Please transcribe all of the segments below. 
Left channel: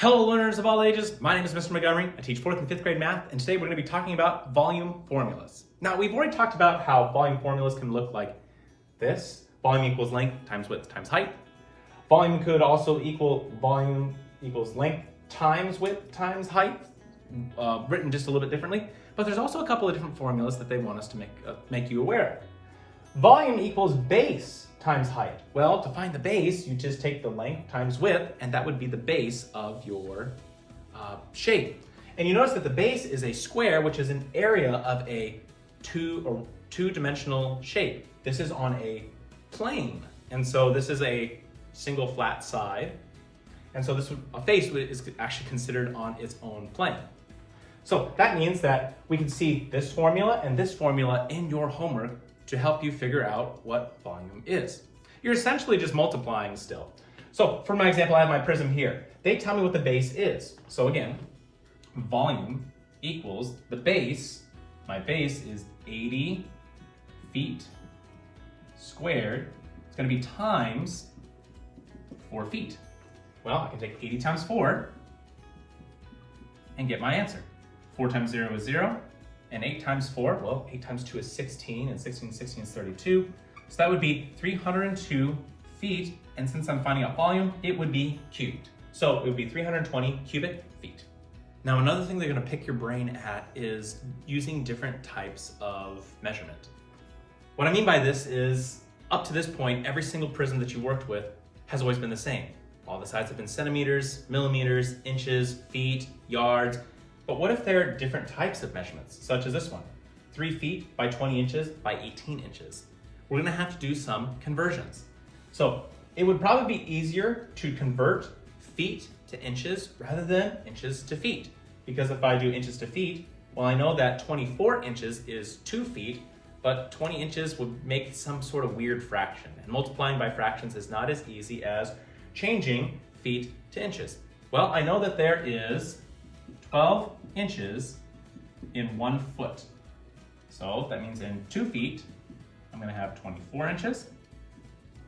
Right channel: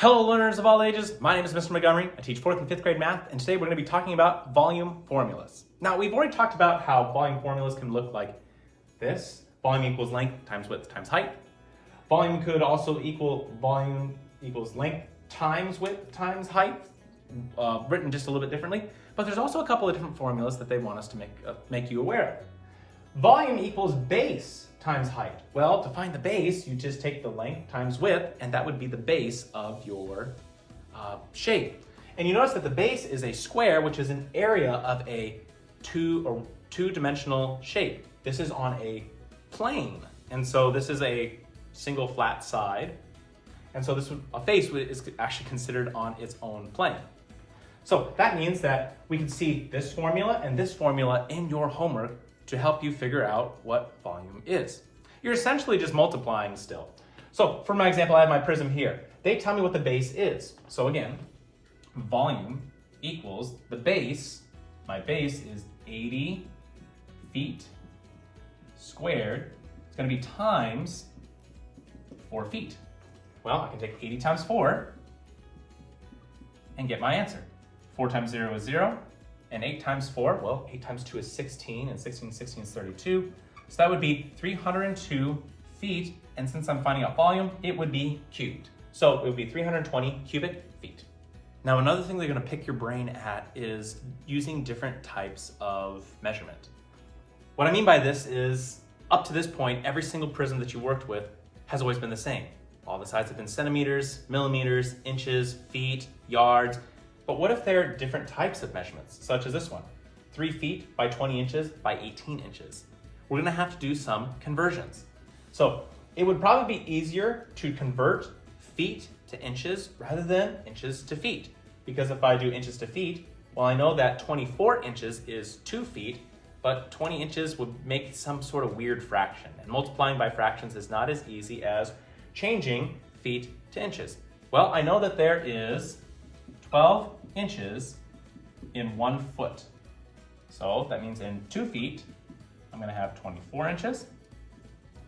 Hello learners of all ages, my name is Mr. Montgomery. I teach 4th and 5th grade math, and today we're going to be talking about volume formulas. Now we've already talked about how volume formulas can look like this. Volume equals length times width times height. Volume could also equal volume equals length times width times height, written just a little bit differently. But there's also a couple of different formulas that they want us to make you aware of. Volume equals base times height. Well, to find the base, you just take the length times width, and that would be the base of your shape. And you notice that the base is a square, which is an area of a two-dimensional shape. This is on a plane, and so this is a single flat side, and so a face is actually considered on its own plane. So that means that we can see this formula and this formula in your homework to help you figure out what volume is. You're essentially just multiplying still. So for my example, I have my prism here. They tell me what the base is. So again, volume equals the base. My base is 80 feet squared. It's going to be times 4 feet. Well, I can take 80 times 4 and get my answer. 4 times 0 is 0. And 8 times 4, well, 8 times 2 is 16, and 16 is 32. So that would be 302 feet, and since I'm finding out volume, it would be cubed. So it would be 320 cubic feet. Now, another thing they're gonna pick your brain at is using different types of measurement. What I mean by this is, up to this point, every single prism that you worked with has always been the same. All the sides have been centimeters, millimeters, inches, feet, yards. But what if there are different types of measurements, such as this one, 3 feet by 20 inches by 18 inches? We're gonna have to do some conversions. So it would probably be easier to convert feet to inches rather than inches to feet. Because if I do inches to feet, well, I know that 24 inches is 2 feet, but 20 inches would make some sort of weird fraction. And multiplying by fractions is not as easy as changing feet to inches. Well, I know that there is 12 inches in 1 foot. So that means in 2 feet, I'm gonna have 24 inches.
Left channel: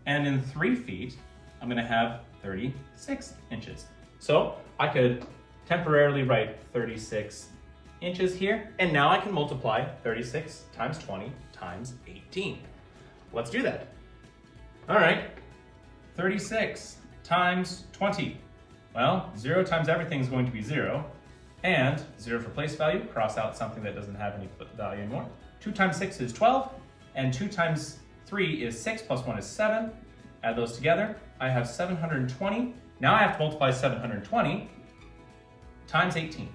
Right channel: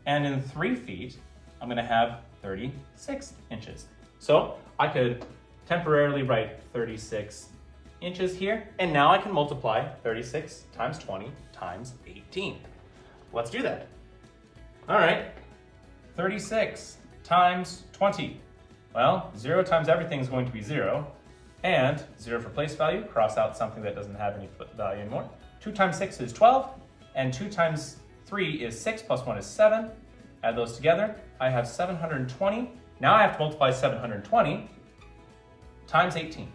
And in 3 feet, I'm gonna have 36 inches. So I could temporarily write 36 inches here, and now I can multiply 36 times 20 times 18. Let's do that. All right, 36 times 20. Well, 0 times everything is going to be 0. And 0 for place value, cross out something that doesn't have any value anymore. 2 times 6 is 12, and 2 times 3 is 6, plus 1 is 7. Add those together, I have 720. Now I have to multiply 720 times 18.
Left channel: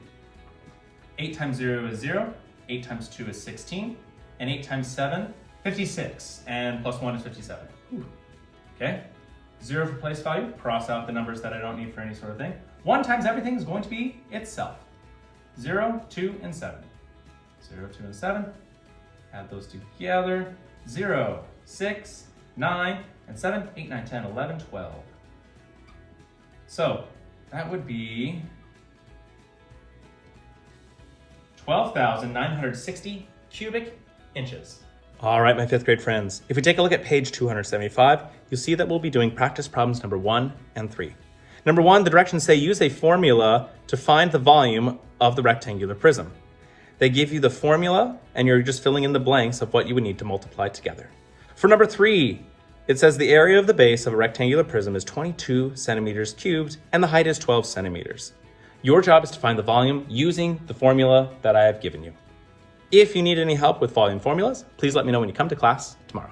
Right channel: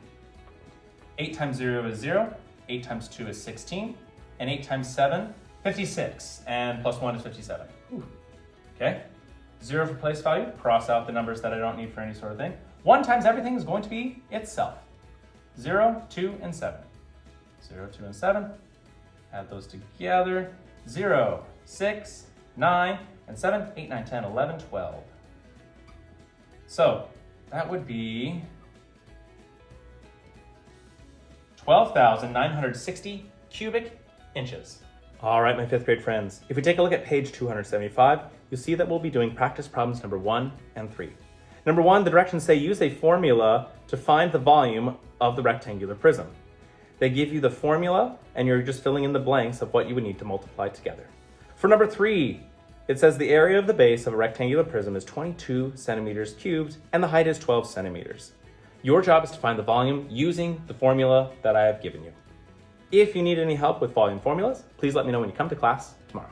8 times 0 is 0, 8 times 2 is 16, and 8 times 7, 56, and plus 1 is 57. Okay, 0 for place value, cross out the numbers that I don't need for any sort of thing. 1 times everything is going to be itself. 0, 2, and 7. 0, 2, and 7. Add those together. 0, 6, 9, and 7, 8, 9, 10, 11, 12. So that would be 12,960 cubic inches. All right, my 5th grade friends. If we take a look at page 275, you'll see that we'll be doing practice problems number 1 and 3. Number 1, the directions say use a formula to find the volume of the rectangular prism. They give you the formula and you're just filling in the blanks of what you would need to multiply together. For number 3, it says the area of the base of a rectangular prism is 22 centimeters cubed and the height is 12 centimeters. Your job is to find the volume using the formula that I have given you. If you need any help with volume formulas, please let me know when you come to class tomorrow.